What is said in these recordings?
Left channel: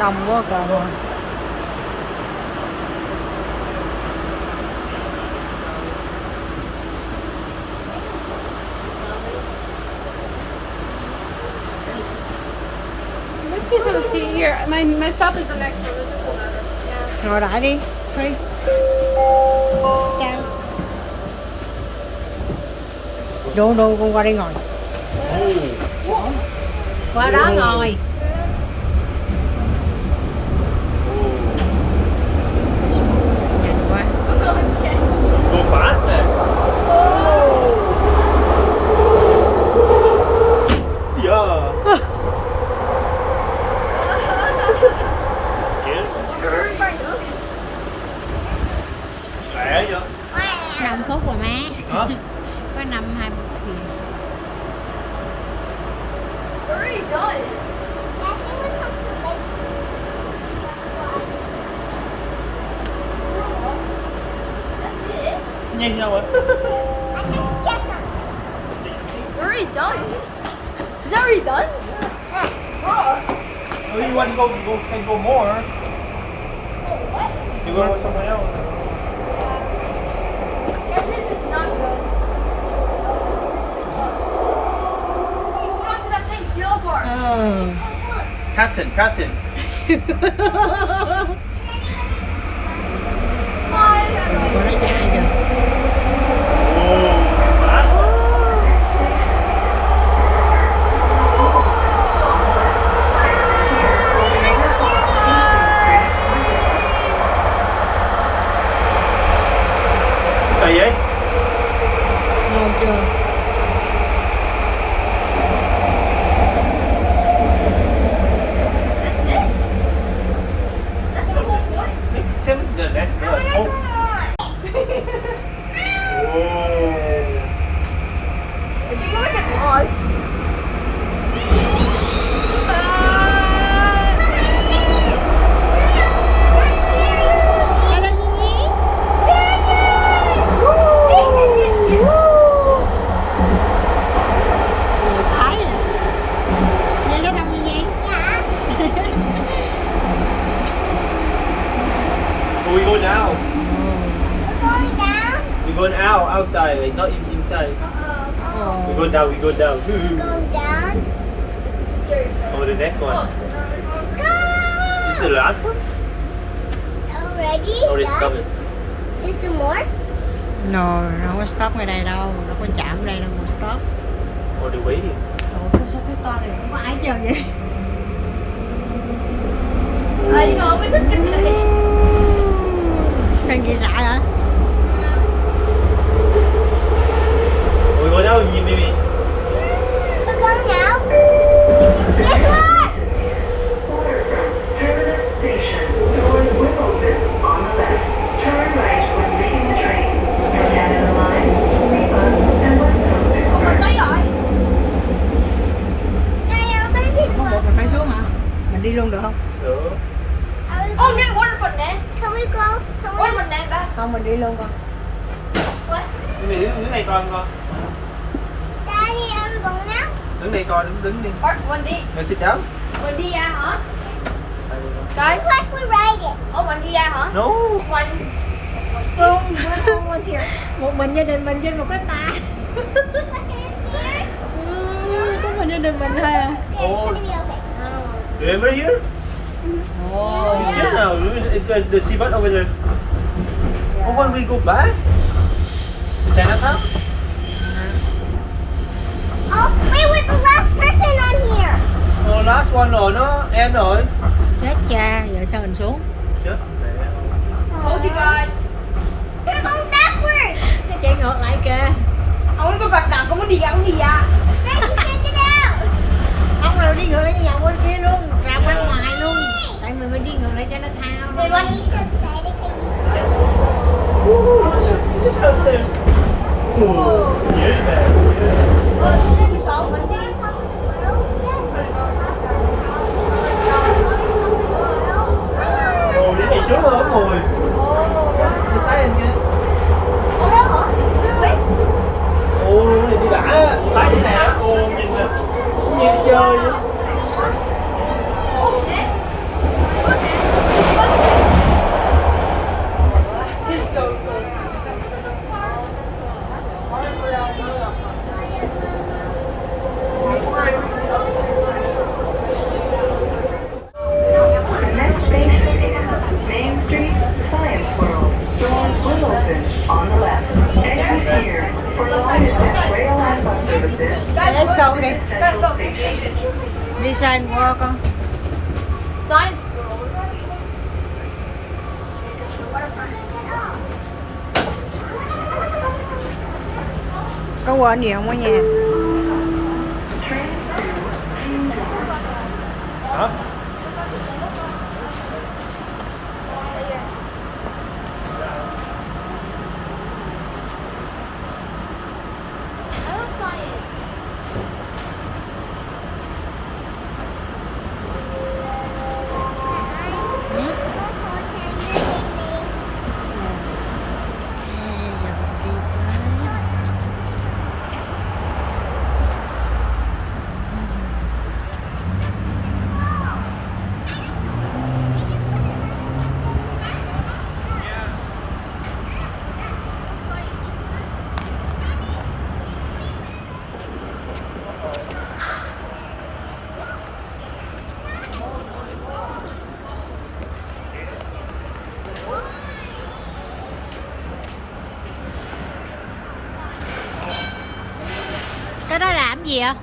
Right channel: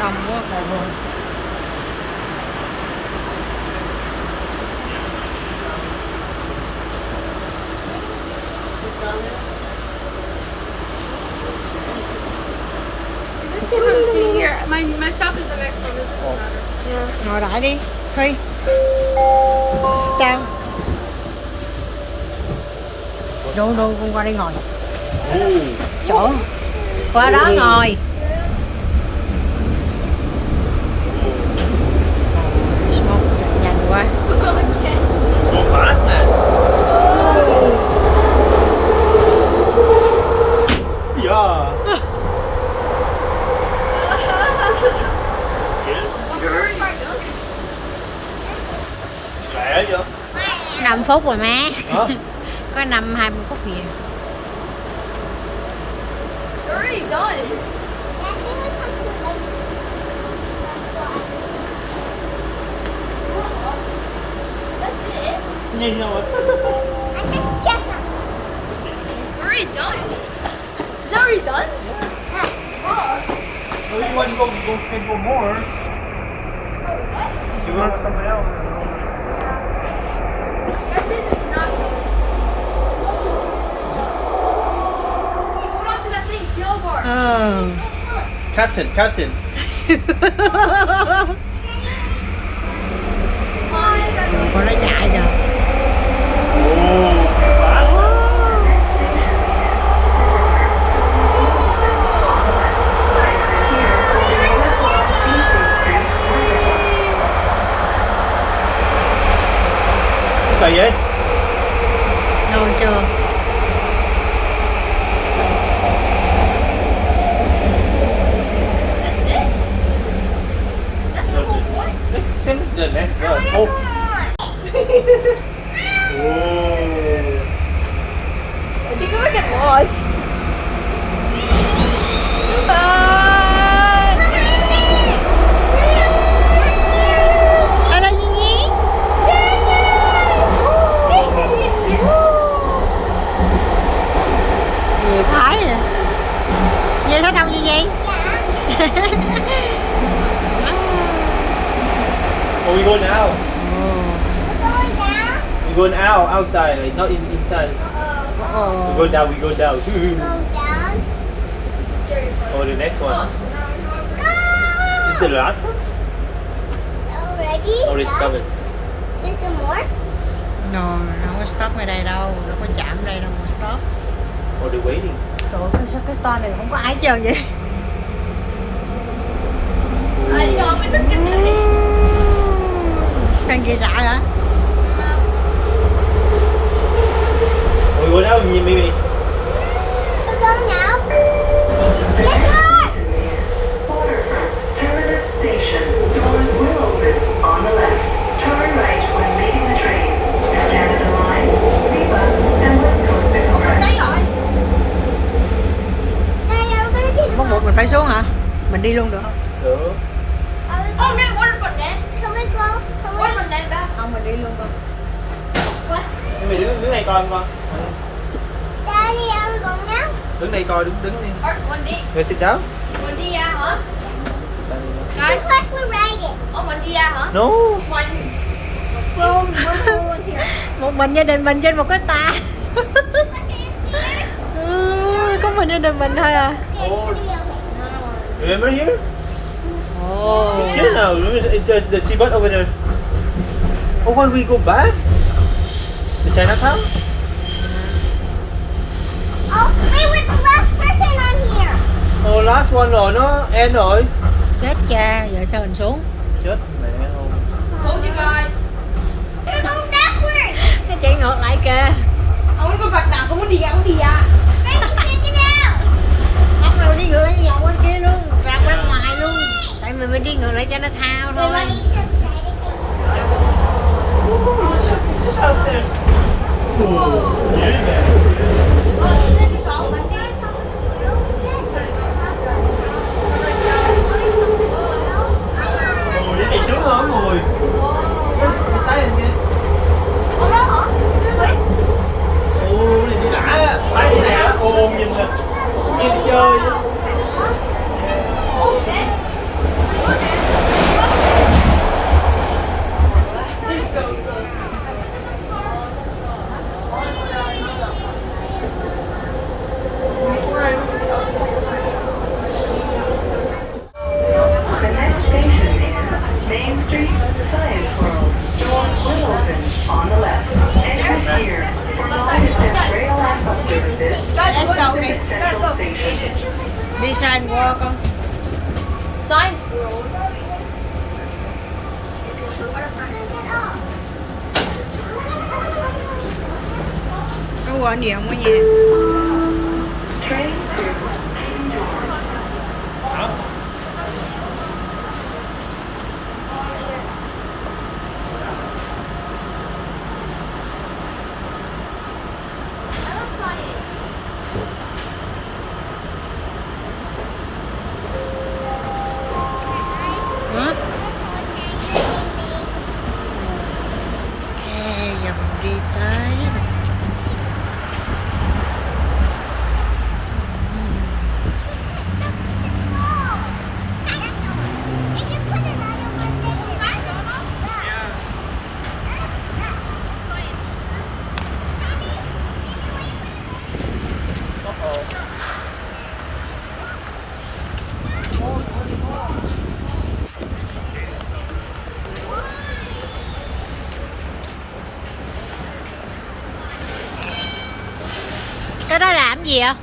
Đông quá kìa. My stop is the next one. It doesn't matter. Yeah. Ngồi lại đi, Huy. Sit down. Đô đô con qua đây ngồi. Chỗ. Qua đó ngồi. Smoke chạy nhanh quá. Let's go fast, man. Yeah. Lẹ vậy? 5 phút rồi má. Hả? Có 20 phút gì. Already done. That's it. Nhanh đâu ạ? Already done. Is that already done? No, you want to can go more. You want somewhere else? That is not done. Wait, hold on to that thing. Yellow bar. Captain. Con nó chạy rồi. Kỳ vậy? Ngon chưa? That's it. That's the whole point. Let's see the next one. Oh. I think I'm gonna get lost. Alo Nhi Nhi. Gì thấy nè. Nhi thấy đâu Nhi Nhi? Oh, we go now. We go out, outside, like not inside. Ồ. We go down. This is scary. Oh, the next one. This is the last one? Oh, it's coming. No, nó không có stop ngay đây đâu, nó có chạm đây đâu mà stop. Oh, they're waiting. Trời ơi, sao cái to này không có ai hết trơn vậy? I know, it's a good thing. Thằng kia sợ hả? We go down, Mimi. Waterfront, Terminus Station. Doors will open on the left. Turn right when leaving the train. For Canada Line, Rebus, and West Coast Express. Đấy rồi. Bắt buộc mình phải xuống hả? Mình đi luôn được không? Được. Oh, dude, waterfront, man. Waterfront, man, back. Không, mình đi luôn con. What? Mimi đứng này coi con. Đứng đây coi, đứng đi. Art, one D. Hey, sit down. One D, yeah, hả? Guys? Oh, one D, yeah, hả? No. One. Một mình gia đình mình trên một cái ta. Có mình gia đình mình thôi à. Oh, remember here? Ồ. Shit now. Remember the seabird over there? Oh, when we go back? The Chinatown? Oh, last one rồi, nó end rồi. Chết cha, giờ sao mình xuống? Chết mẹ luôn. Told you guys. Nó chạy ngược lại kìa. I wanna go back down. Không đi ra. Không rồi đi ngược lại vòng bên kia luôn, ra qua ngoài luôn. Tại mình đi ngược lại cho nó thao thôi. Sit downstairs. Yeah, man. Ồ, cái này xuống lớn rồi. Ồ, cái này mới đã. Tại cái này ồ, nhìn nè. Như chơi. Let's go đi. Central Station. Đi Science World con. Science World. Có quên gì không ở nhà? Train to King Thomas. Hả? Hả? Ok, giờ mình đi tới. Cái đó làm gì ạ?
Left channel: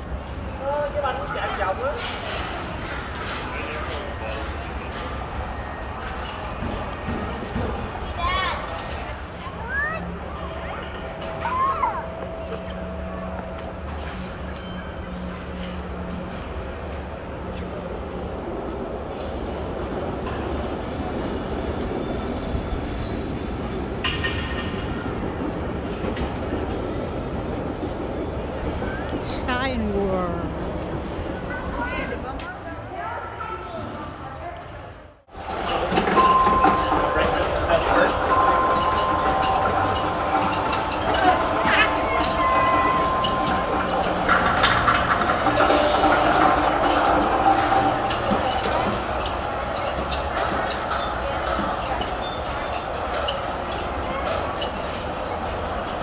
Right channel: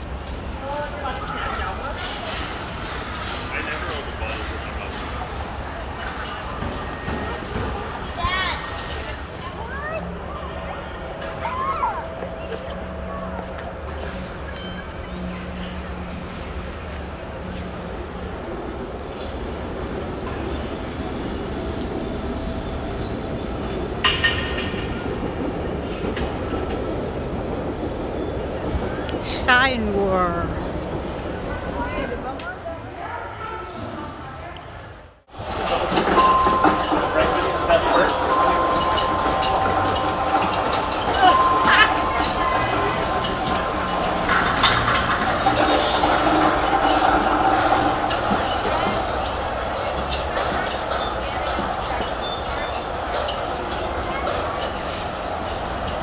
Science World.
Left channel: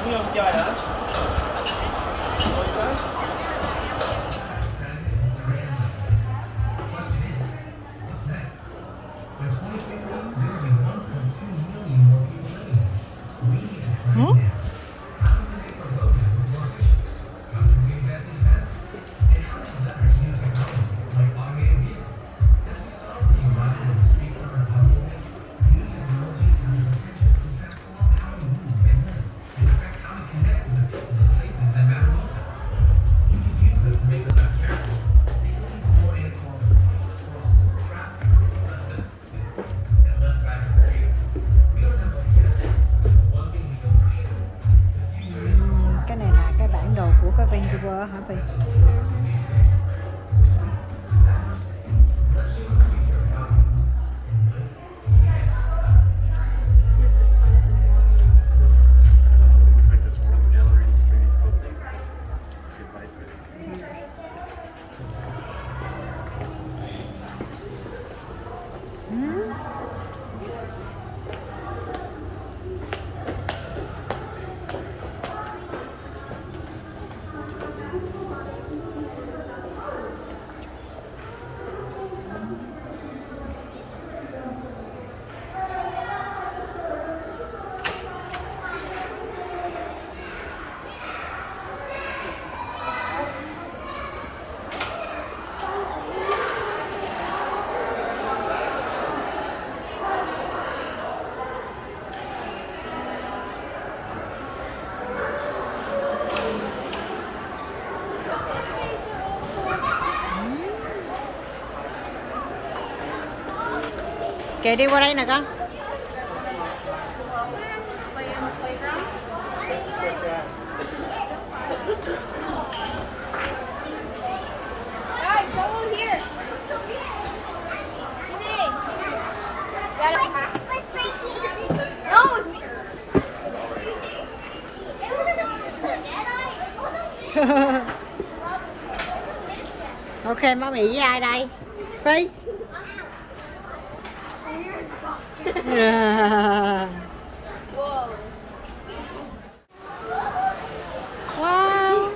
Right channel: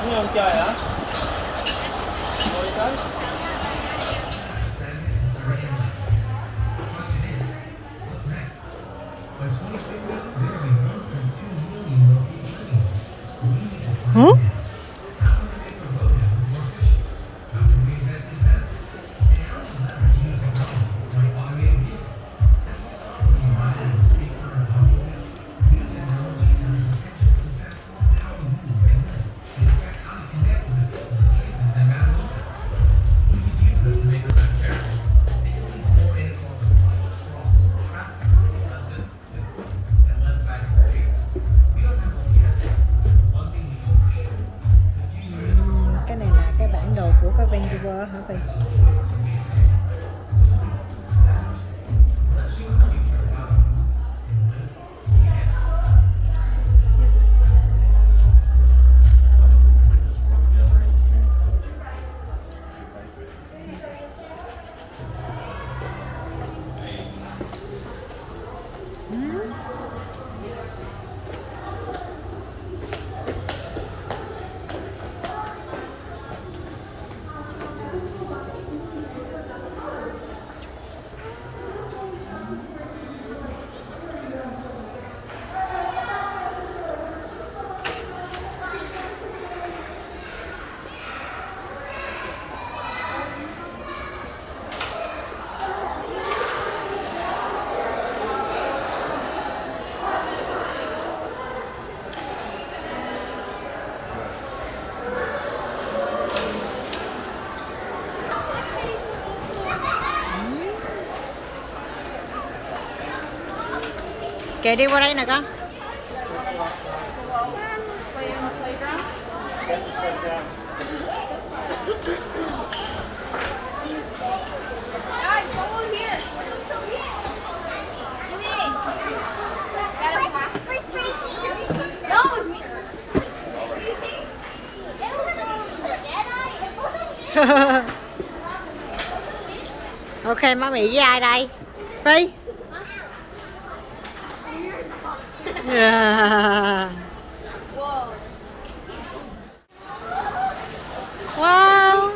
Muốn không chơi hả? Hả? Cái này là cái bản đồ của cái Vancouver hả Vy? Kệ đi qua đây nè con. Ok, má Mị với ai đây? Phi. Wow.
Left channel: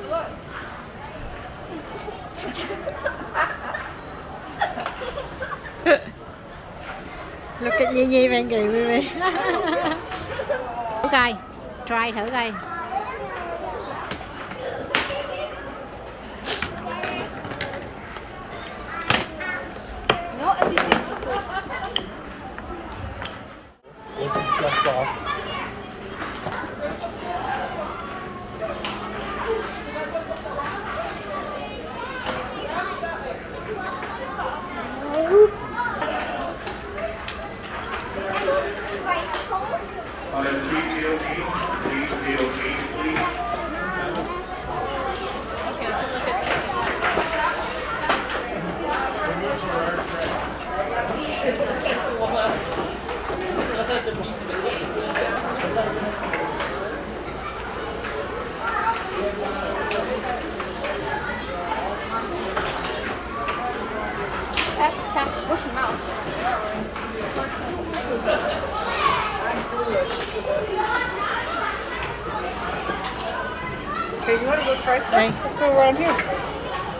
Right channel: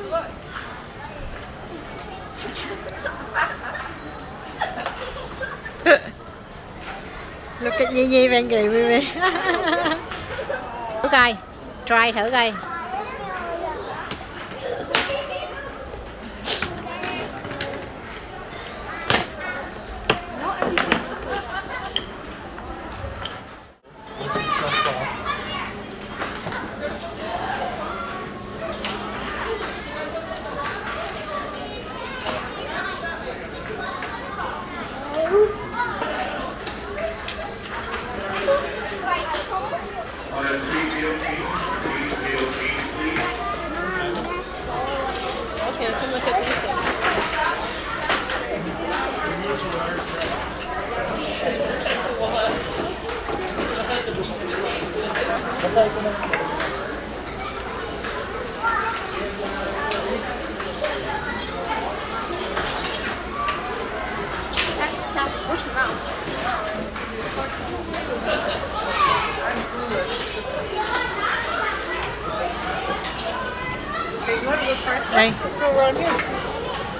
Look at Nhi bên kìa Mimi. Thử coi, try thử coi. Đây.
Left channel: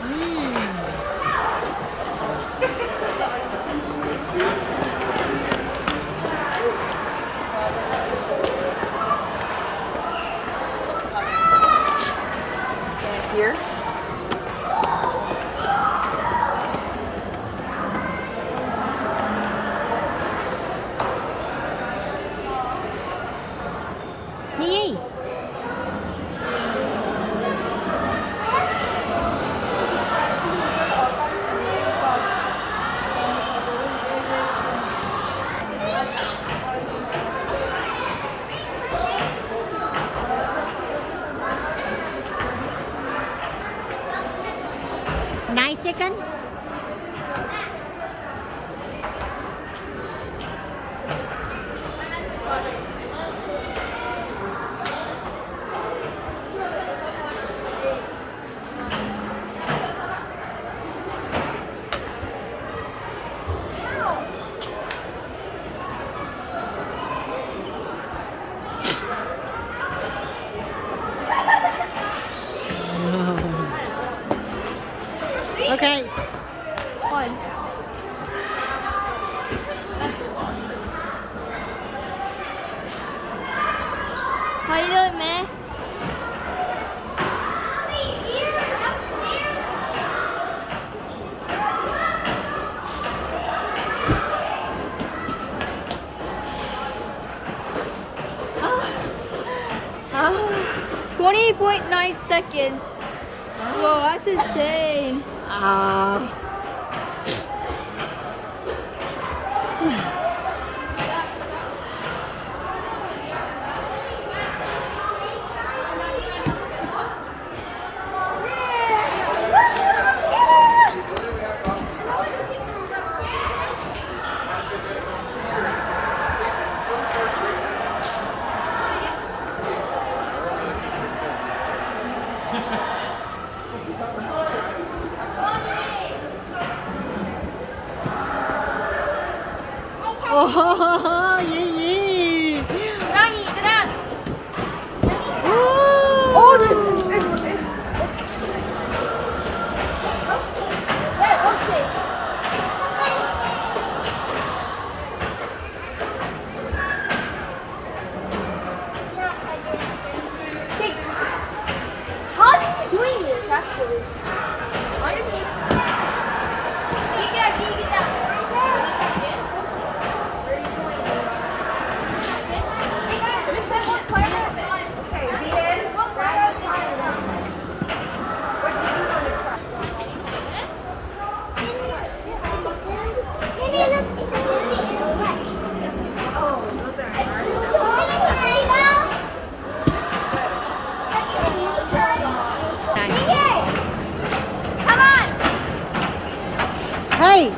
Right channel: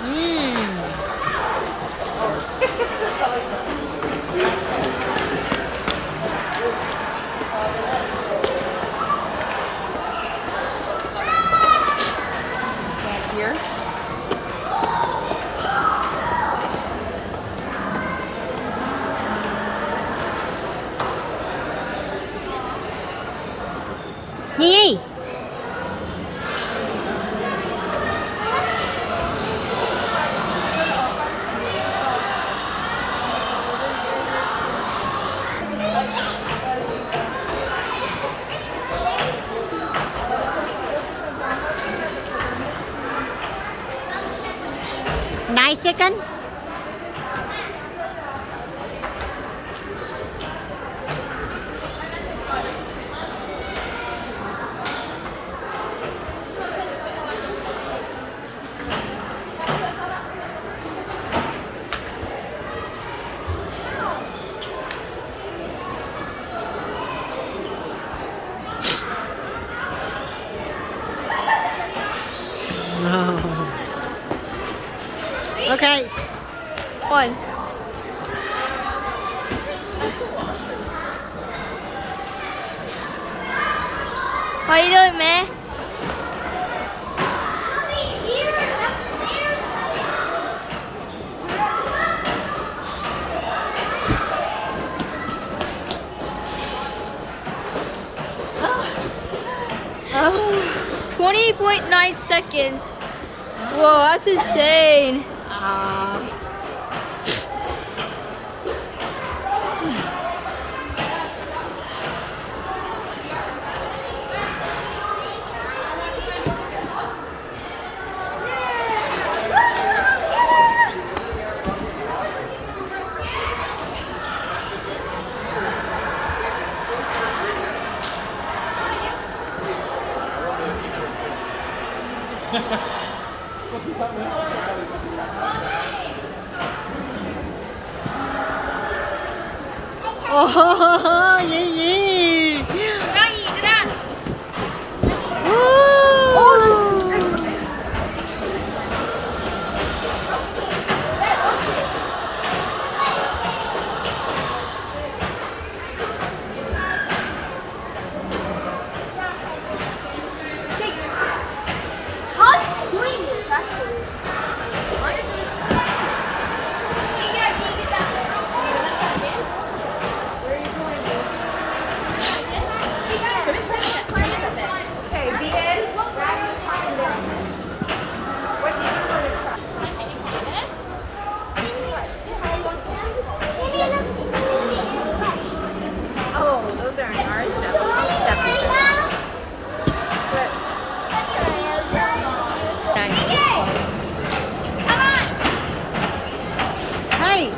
Ừm. Stand here. Nhi. Nice second. No. Okay. One. How you doing, man? Oh. 20.9 seconds. Whoa, that's insane. Oh, yeah, yeah. Dani, get Ooh. How are you doing this, actually? You get that. Hey guys, what part of the fun? Okay, begin. What part of the fun? Oh, those are ours. Đây. Hey,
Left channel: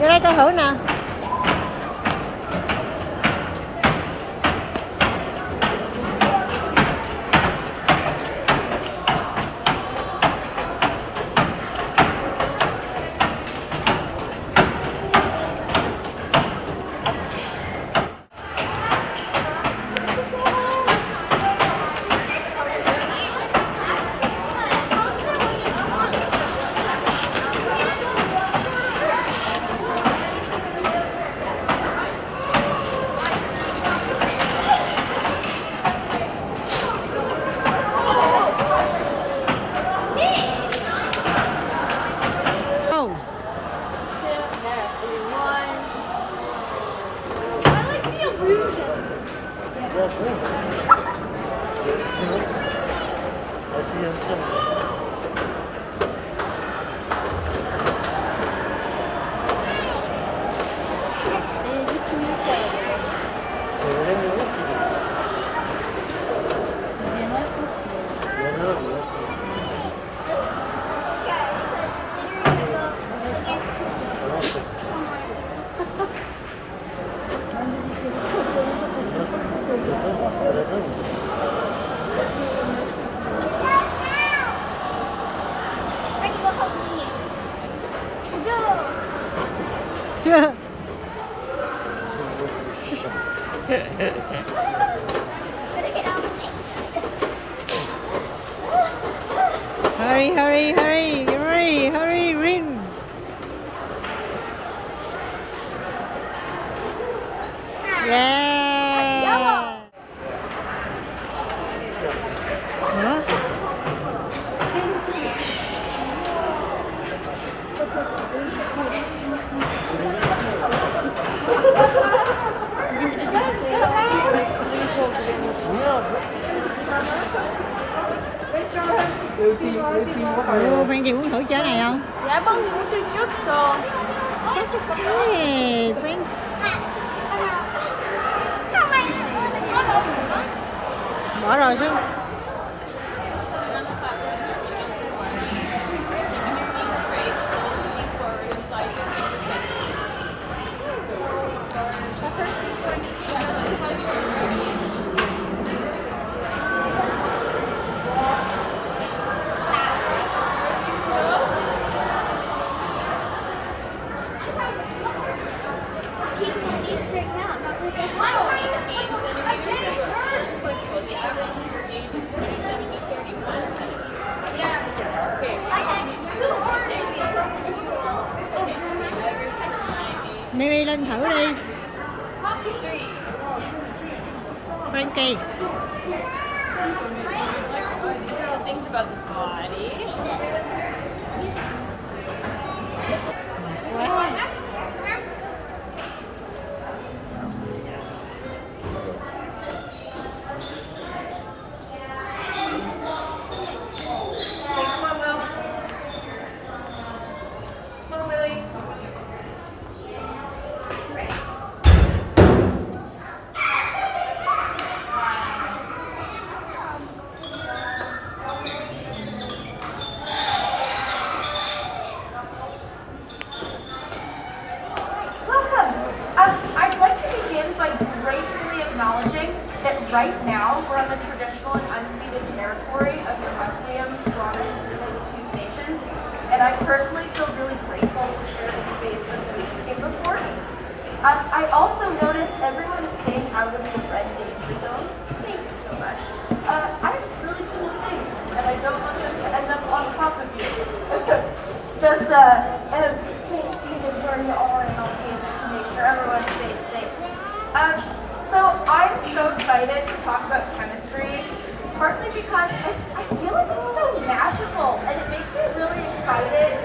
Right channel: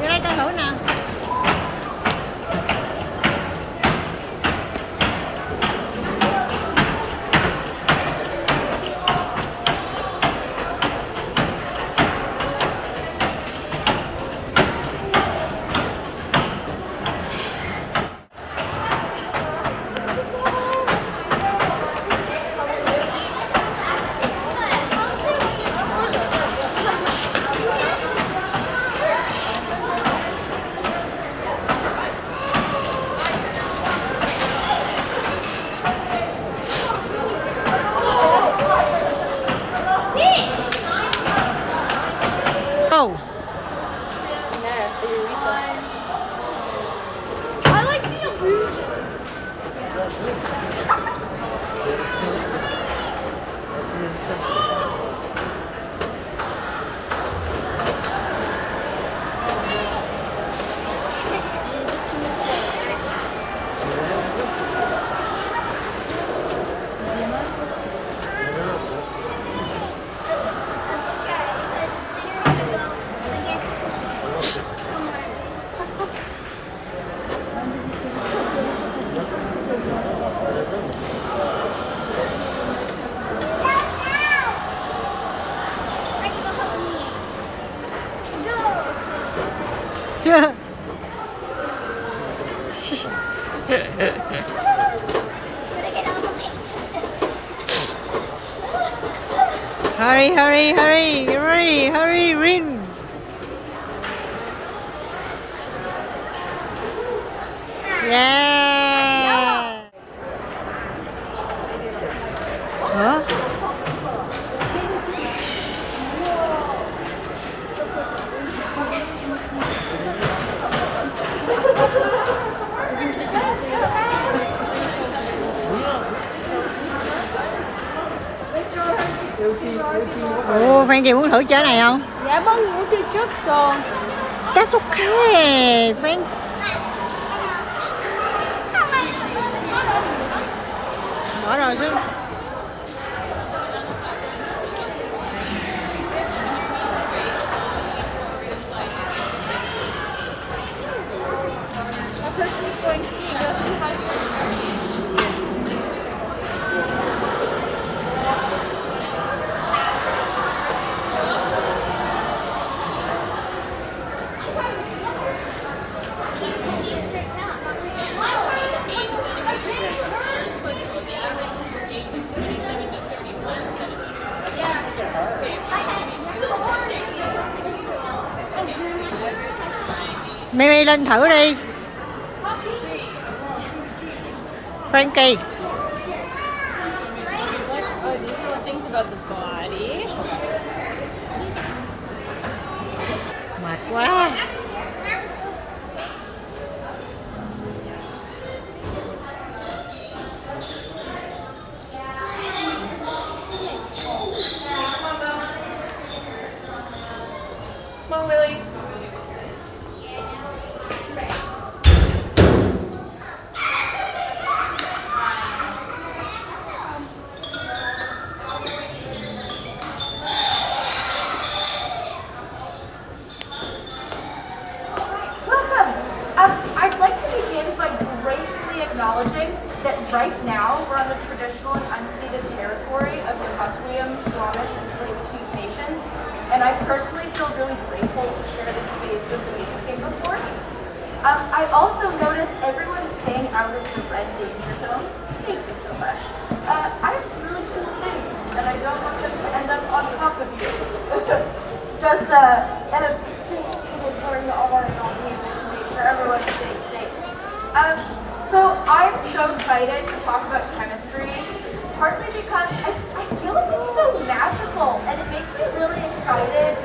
vô đây con thử nè. Oh. I like the illusion. Hurry, hurry, hurry, hurry, hurry, Rin. Yeah. Hả? Ồ, Frankie muốn thử chơi này không? Dạ vâng, cũng chơi trước rồi. That's okay, Frank. Nó là gì đó? Bỏ rồi chứ. Mimi lên thử đi. Frankie. Mệt quá. Welcome. I'd like to begin by gratefully acknowledging that right now we're on the traditional and unceded territory of the Musqueam, Squamish, and Tsleil-Waututh nations, and I personally feel really grateful to share this space with those speaking before. I also noticed everyone's staying out of the red danger zone. Thank you so much. I have really cool things, and I don't want them to end up on top of you. Just stay seated where you are, and I'll be able to make sure everyone stays safe. So I'm so excited to talk about chemistry, partly because I feel like it's so magical, and it makes me really excited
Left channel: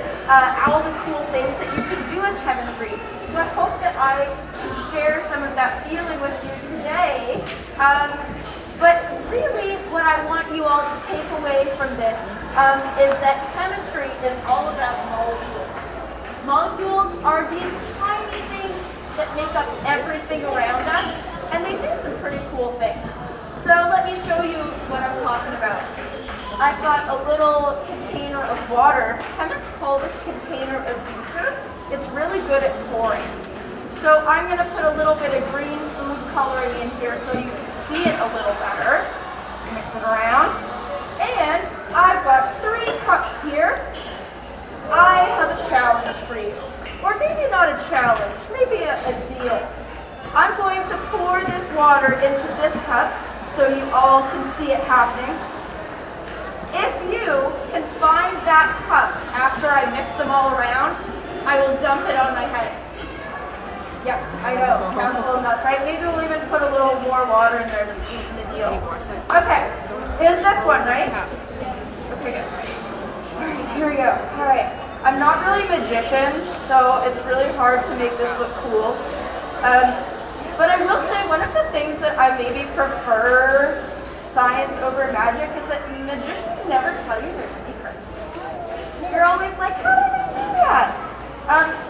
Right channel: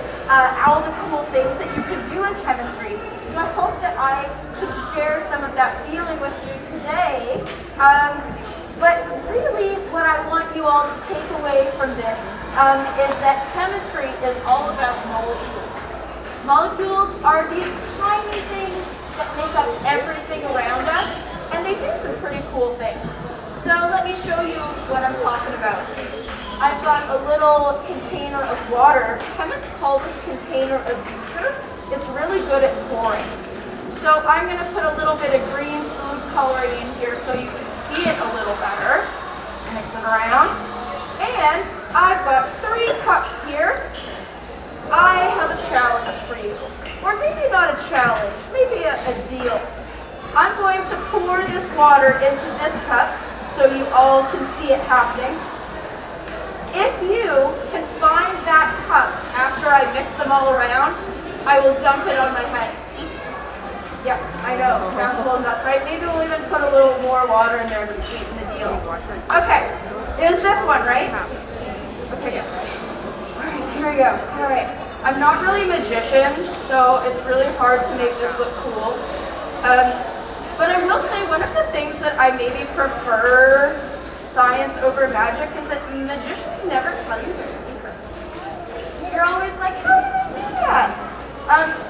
all the cool things that you can do with chemistry. So I hope that I can share some of that feeling with you today. But really, what I want you all to take away from this is that chemistry is all about molecules. Molecules are these tiny things that make up everything around us, and they do some pretty cool things. So let me show you what I'm talking about. I've got a little container of water. Chemists call this container a beaker. It's really good at pouring. So I'm going to put a little bit of green food coloring in here so you can see it a little better. Mix it around. And I've got 3 cups here. I have a challenge for you. Or maybe not a challenge, maybe a deal. I'm going to pour this water into this cup so you all can see it happening. If you can find that cup after I mix them all around, I will dump it on my head. Yeah, I know, sounds a little nuts, right? Maybe we'll even put a little more water in there to sweeten the deal. Okay, it was this one, right? Okay, good. Alright, here we go. Alright, I'm not really a magician, so it's really hard to make this look cool. But I will say one of the things that I maybe prefer science over magic is that magicians never tell you their secrets. You're always like, how do you do that?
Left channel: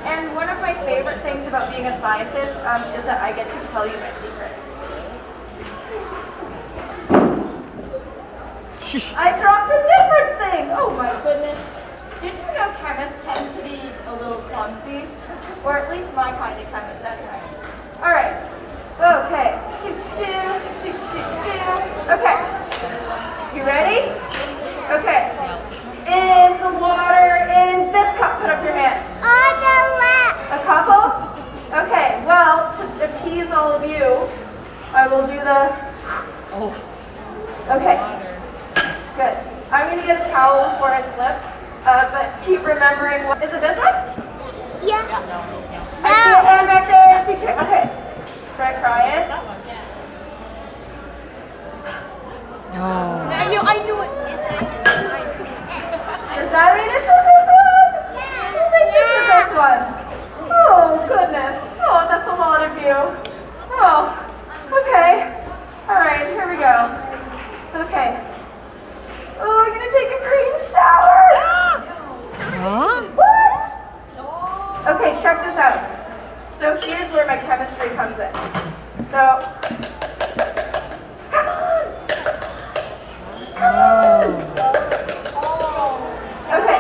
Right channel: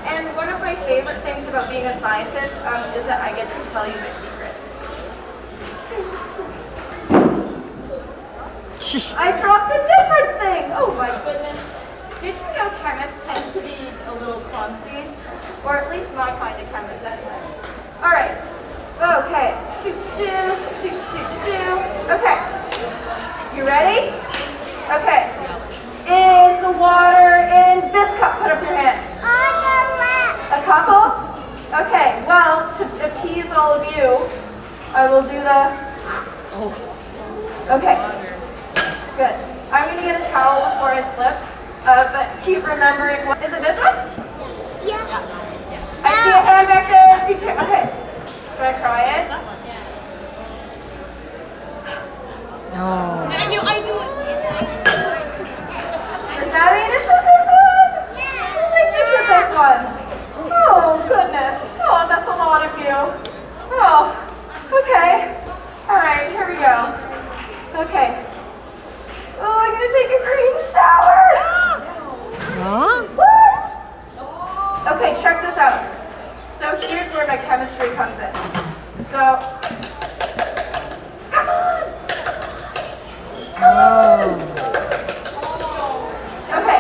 And one of my favorite things about being a scientist is that I get to tell you my secrets. I dropped a different thing! Oh my goodness. Did you know chemists tend to be a little clumsy? Or at least my kind of chemist anyway. Alright. Okay. Okay. You ready? Okay. Is the water in we'll do the. Oh, Okay. Good. I'm gonna get a towel before I slip. But keep remembering. Is it this one? Yeah. I see a hand back there. I see two. Okay. Should I try it? oh. I knew it. Does that mean it's this one? I think it's this one. Oh, goodness. Oh, that's a lot of you. Oh, okay. All right, here we go. Okay. Oh, I'm gonna take a green shower. Huh? What? Okay, check this out. So here's where my chemistry comes in. So, come on. Oh. Okay,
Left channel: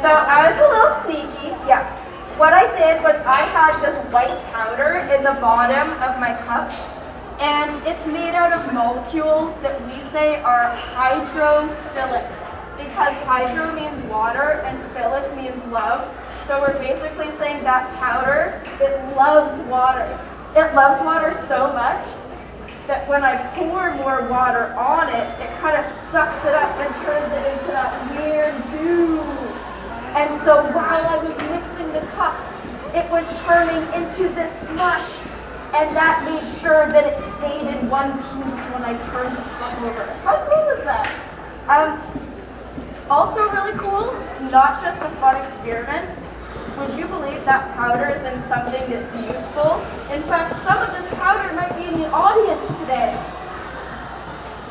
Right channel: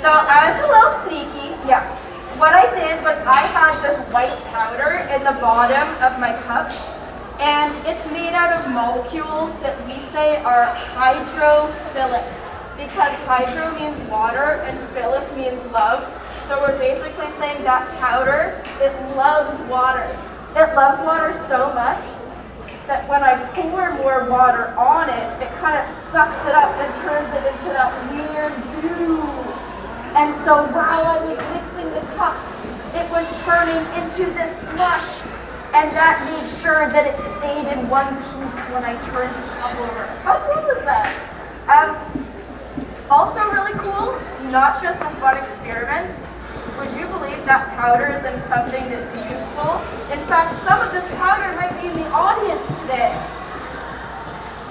so I was a little sneaky. Yeah. What I did was I had this white powder in the bottom of my cup, and it's made out of molecules that we say are hydrophilic, because hydro means water and philic means love. So we're basically saying that powder, it loves water. It loves water so much that when I pour more water on it, it kind of sucks it up and turns it into that weird goo. And so while I was mixing the cups, it was turning into this slush, and that made sure that it stayed in one piece when I turned the cup over. How cool is that? Also really cool, not just a fun experiment. Would you believe that powder is in something that's useful? In fact, some of this powder might be in the audience today,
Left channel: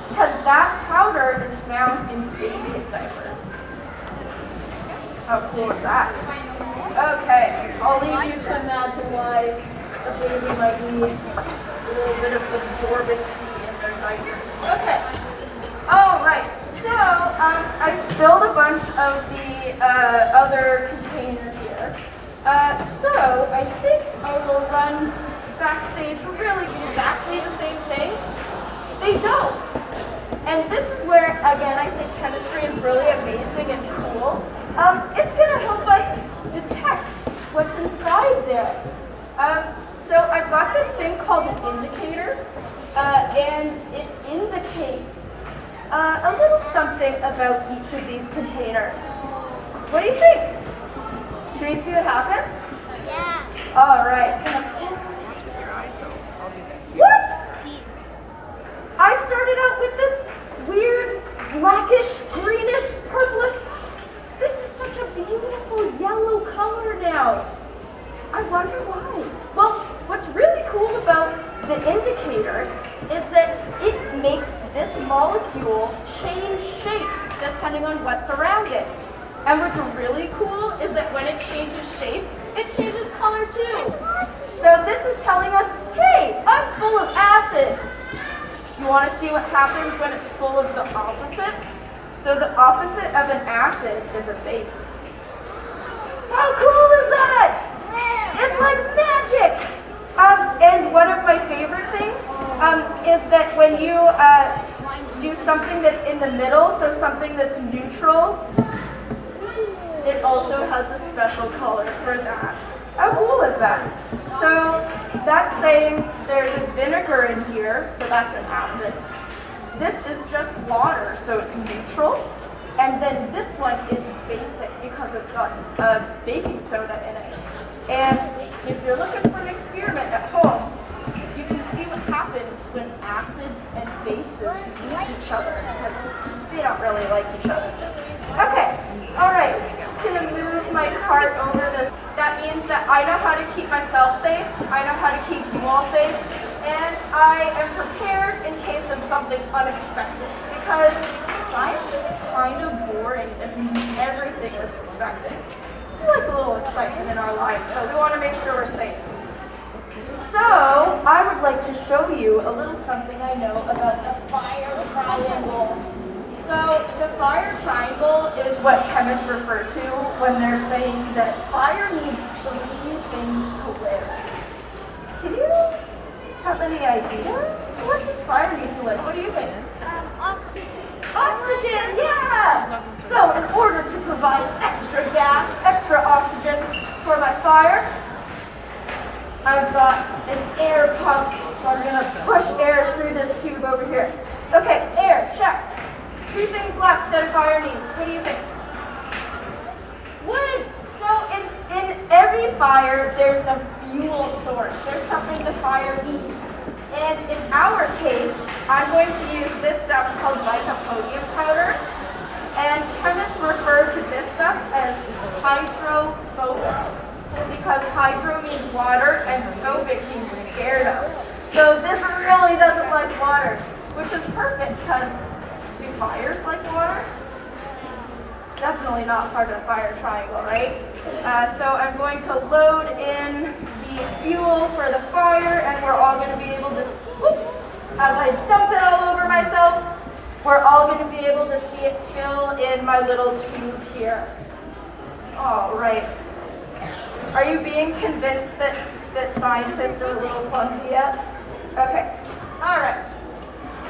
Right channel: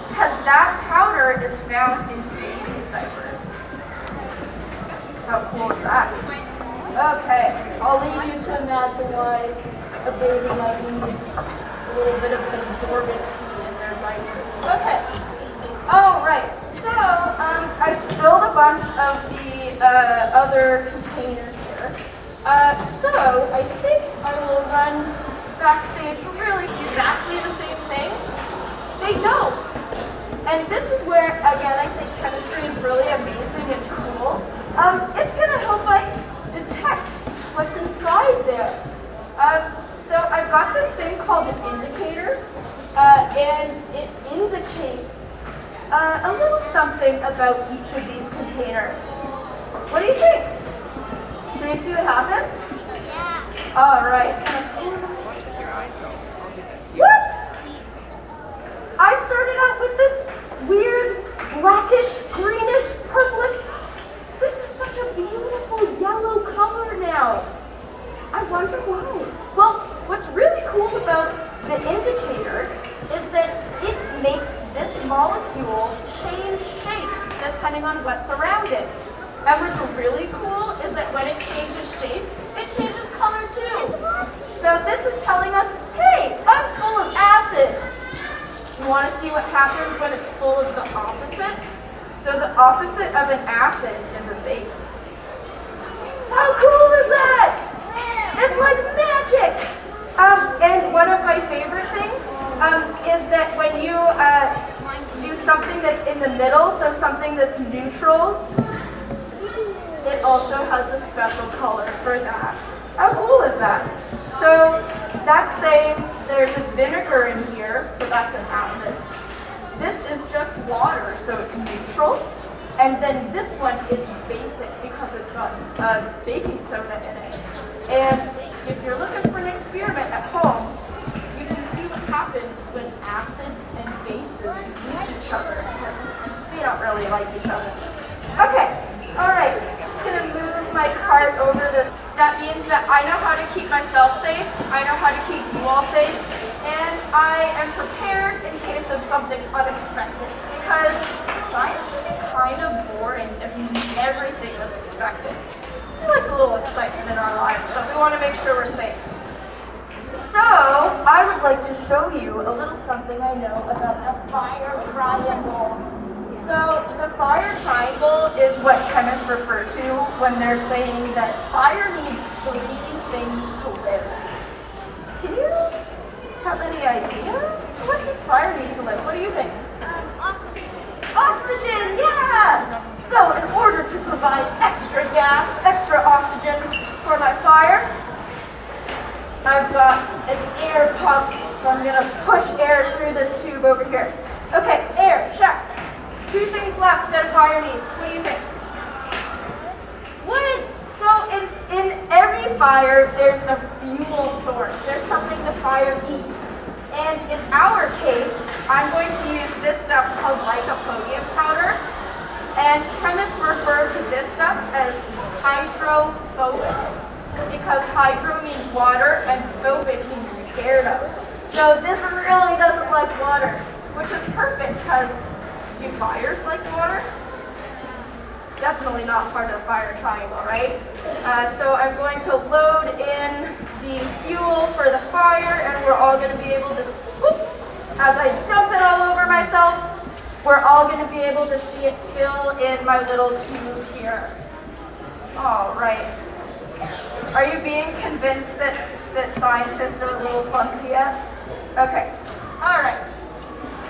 because that powder is found in babies' diapers. How cool is that? Okay, I'll leave you to imagine why a baby might need a little bit of absorbency in their diapers. Okay. All right. So I spilled a bunch of the other container here. So I think I will run backstage really exactly the same thing. They don't. And this is where, again, I think chemistry is really amazing and cool. It's going to help us detect what's inside there. So I've got this thing called an indicator, and it indicates a little something about each of these containers. What do you think? Should we see what happens? Yeah. All right. Watch with your eyes though. I'll do this. What? I started out with this weird blackish, greenish, purplish. This is such a beautiful yellow color now. I wonder why. Well, what's really cool about the indicator is that it makes this molecule change shape depending on what's around it. And what's really cool is that when it changes shape, it changes color too. So this is telling us, hey, I'm full of acid. You want to see what happens when it's full of the opposite? So the opposite of an acid is a base. How cool is that? It's like magic. And one of my favorite things is that when you do something that's in the middle, so something that's neutral, it also has a special color for that. How cool is that? So that's saying there's a vinegar in here, so that's an acid. This is just water, so it's neutral. And then this one is basic because it's got baking soda in it. And if you're looking for an experiment at home, you can see what happens when acids and bases meet each other. They don't really like each other. Okay, all right. Just gonna move my cart over this. That means that I know how to keep myself safe. I know how to keep you all safe. And I am prepared in case of something unexpected. Because science can be kind of boring if everything is expected. We like a little excitement in our lives, but we want to make sure we're safe. So, I would like to show you a little something I know about the fire triangle. So, the fire triangle is what chemists refer to when they're saying that fire needs 3 things to live. Can you have any ideas? What does fire need to live? What do you think? Oxygen, yeah! So in order to provide extra gas, extra oxygen for my fire, I've got an air pump So I'm gonna push air through this tube over here. Okay, air, check. 2 things left that a fire needs. What do you think? Wood. So in every fire, there's a fuel source. There's something the fire eats. And in our case, I'm going to use this stuff called lycopodium powder. And chemists refer to this stuff as hydrophobic, because hydro means water and phobic means scared of. So this really doesn't like water, which is perfect because do fires like water? Definitely not part of the fire triangle, right? So I'm going to load in the fuel for the fire, and we're all going to be able to, whoop, as I dump it all over myself, we're all going to be able to see it fill in my little tube here. All right. Are you being convinced that scientists are a little clumsy yet? Okay. All right.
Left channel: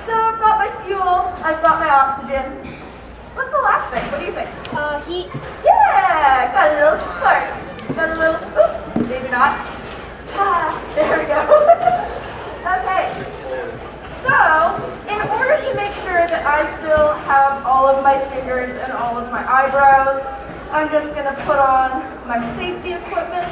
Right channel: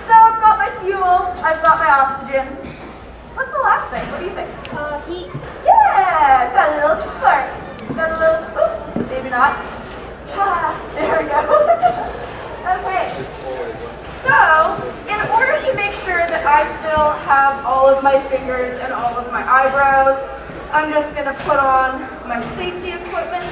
So I've got my fuel. I've got my oxygen. What's the last thing? What do you think? Heat. Yeah, got a little spark. Got a little, oop, maybe not. Ah, there we go. Okay. So, in order to make sure that I still have all of my fingers and all of my eyebrows, I'm just gonna put on my safety equipment.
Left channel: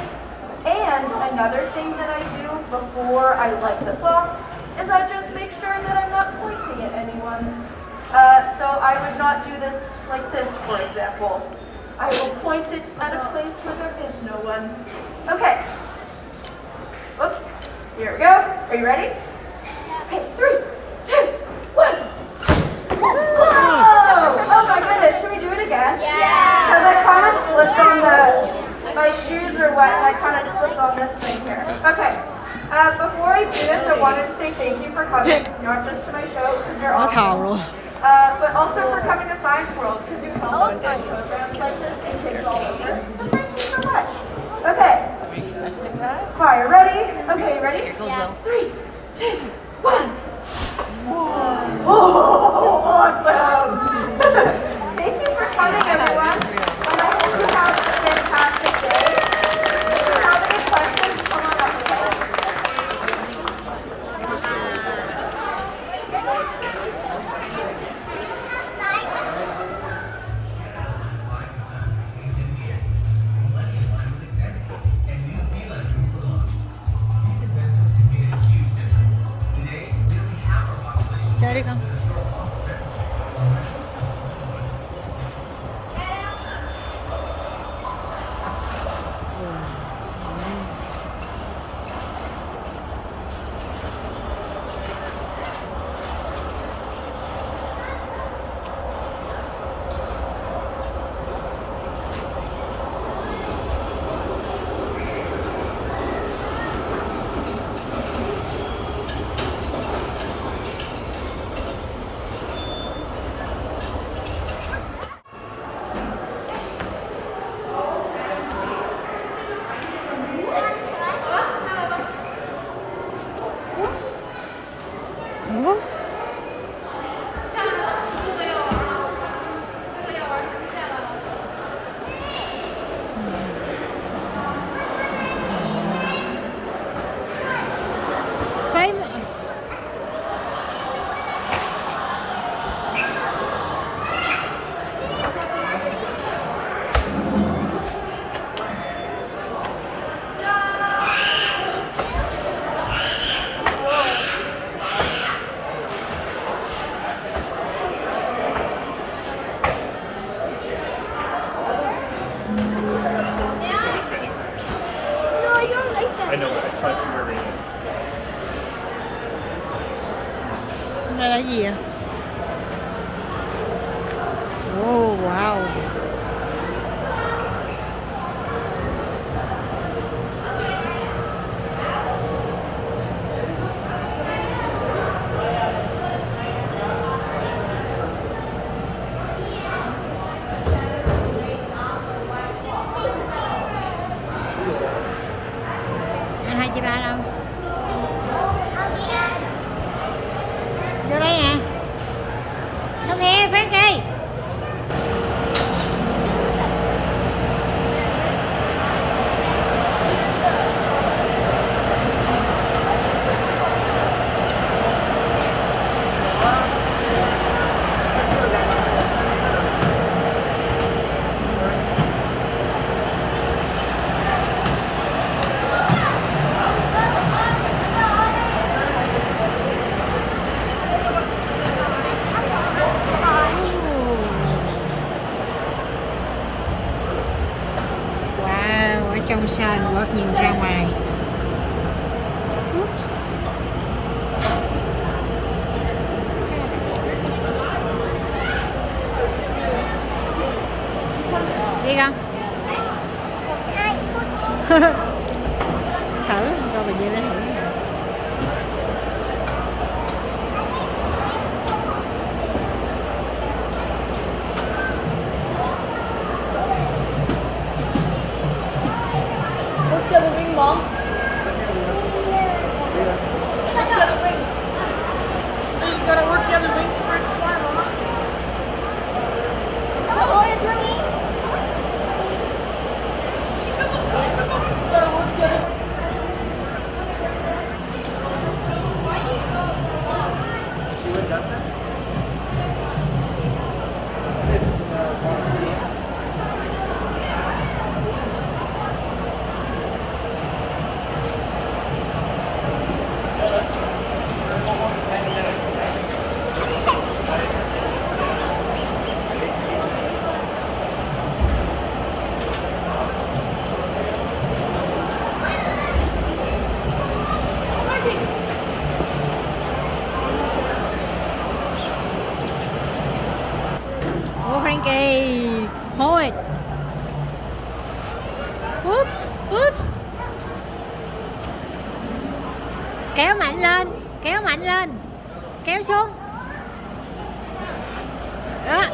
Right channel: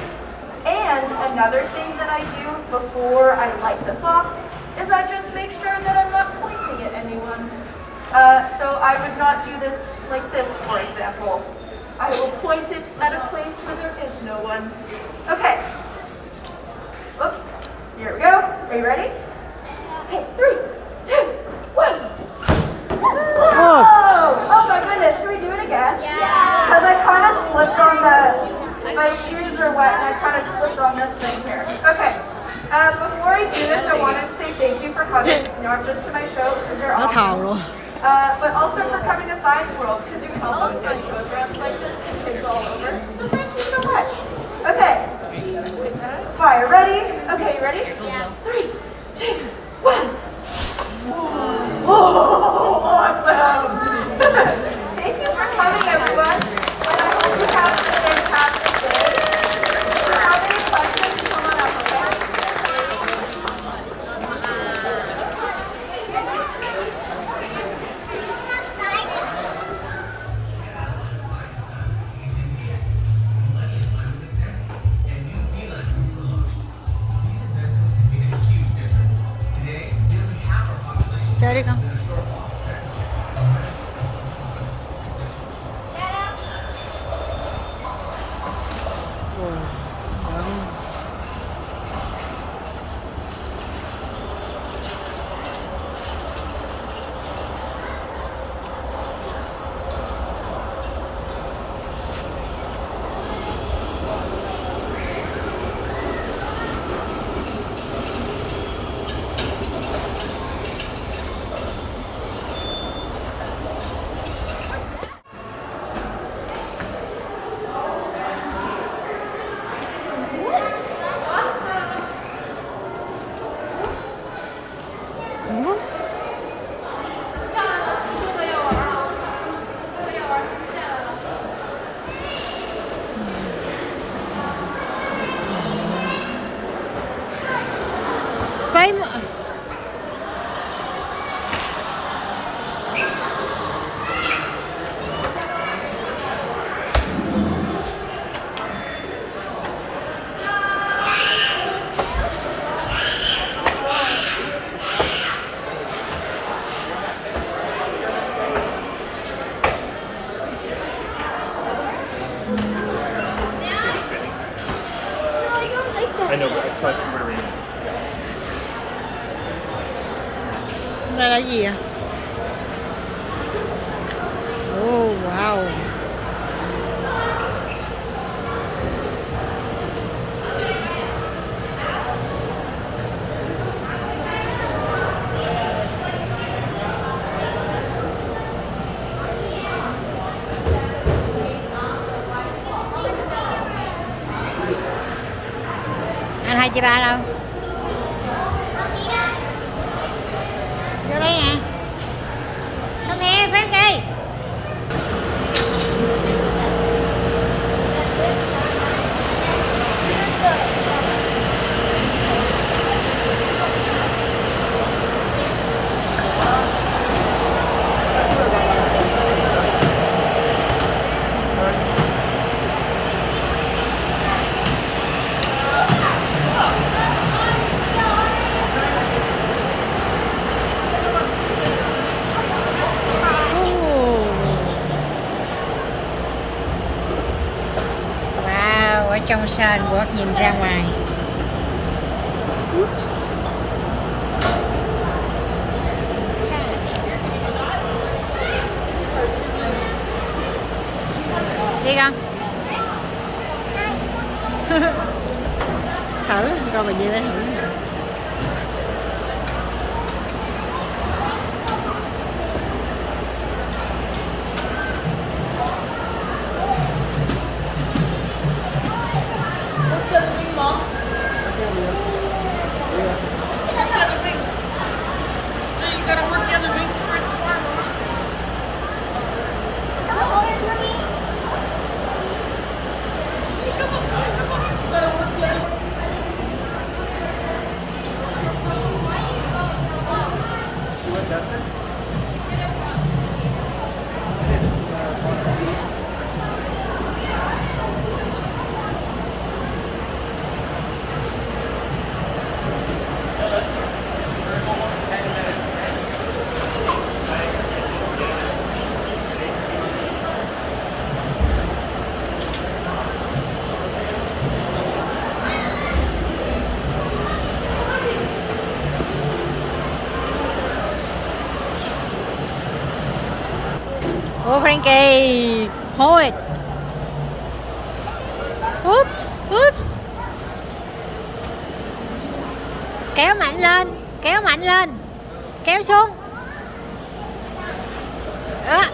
And another thing that I do before I light this off is I just make sure that I'm not pointing at anyone. So I would not do this like this, for example. I will point it at a place where there is no one. Okay. Oh, here we go. Are you ready? Okay, 3, 2, 1. Oh my goodness, should we do it again? Yeah. Because I kind of slipped on my shoes are wet and I kind of slipped on this thing here. Okay. Before I do this, I wanted to say thank you for coming, not just to my show, because you're Nó awesome. thầu luôn. But also for coming to Science World, because you help us with programs like this and kids all over. So thank you so much. Okay. Fire, ready? Okay, you ready? Yeah. 3, 2, 1. Whoa, awesome! Thank you for coming, everyone. And I hope you have a fantastic day. If you have any questions, come on up, okay? Chơi đi con. Ồ, ngon. Ủa? Phải mà. No, I don't like that. I know, but I just want to remember. Đây là gì à? Oh, wow. Anh hai chị ba đâu? Vô đây nè. Come here, Frankie. trong sân, Quốc nhìn ra ngoài. Oops. Khá là đẹp. Đi con. Thử, rồi bà Nhi mới thử. Ô Frankie, hold it. Oops, oops. Kéo mạnh lên, kéo mạnh lên. Kéo xuống. Đó.